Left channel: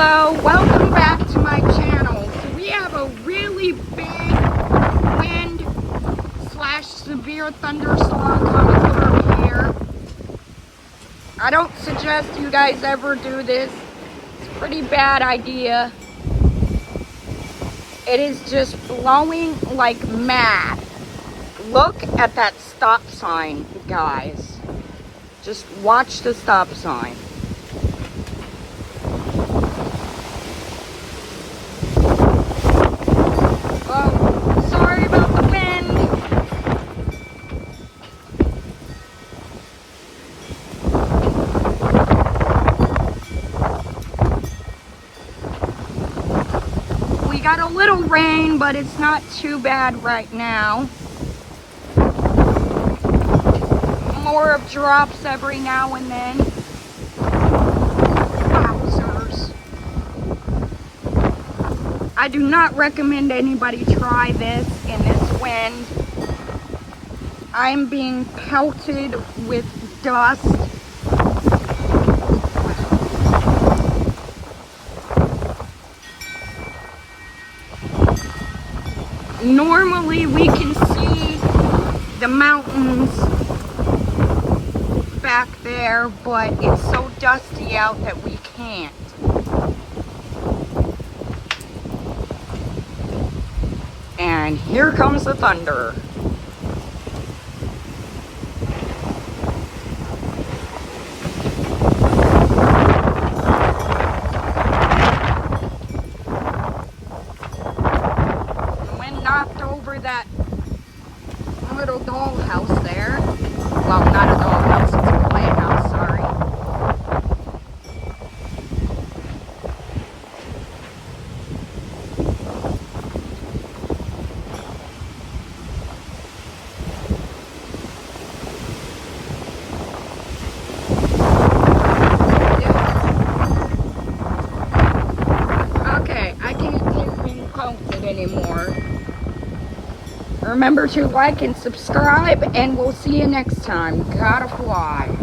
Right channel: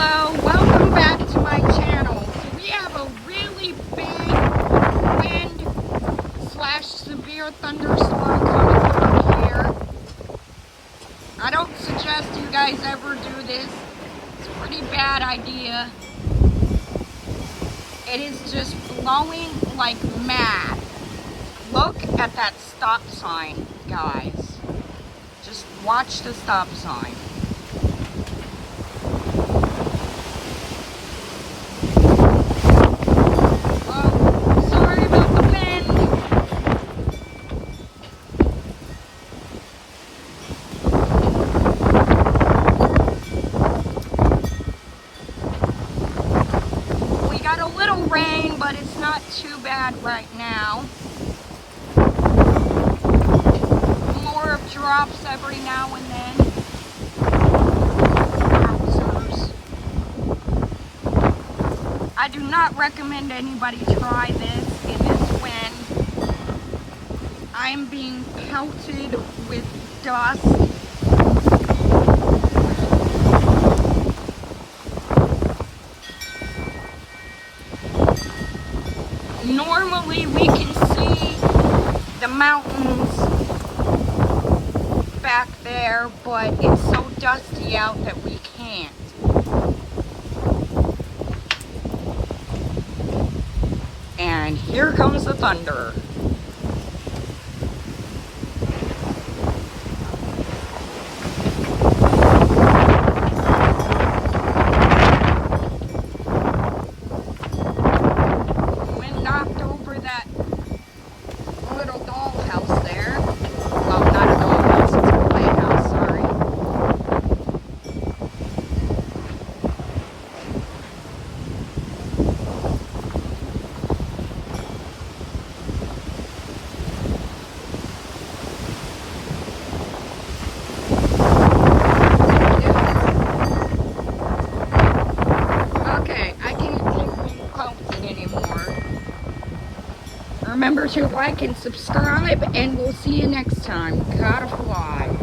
Hello, welcome back to my channel. So we have a really big wind / severe thunderstorm coming through here. I don't suggest you guys ever do this. It's a pretty bad idea. It is just blowing like mad. Look at that stop sign, guys. Just watch the stop sign. Oh, sorry about the wind. We got a little rain, but it's not too bad right now. More of drops every now and then. Wowzers. I do not recommend anybody try this in this wind. I'm being pelted with dust. Normally we can see the mountains back there, but it's so dusty out that we can't. And here comes the thunder. Wind knocked over that little dollhouse there. Well, not a dollhouse, it's a playhouse, sorry. Okay, I can't take being pelted anymore. Remember to like and subscribe, and we'll see you next time. Gotta fly.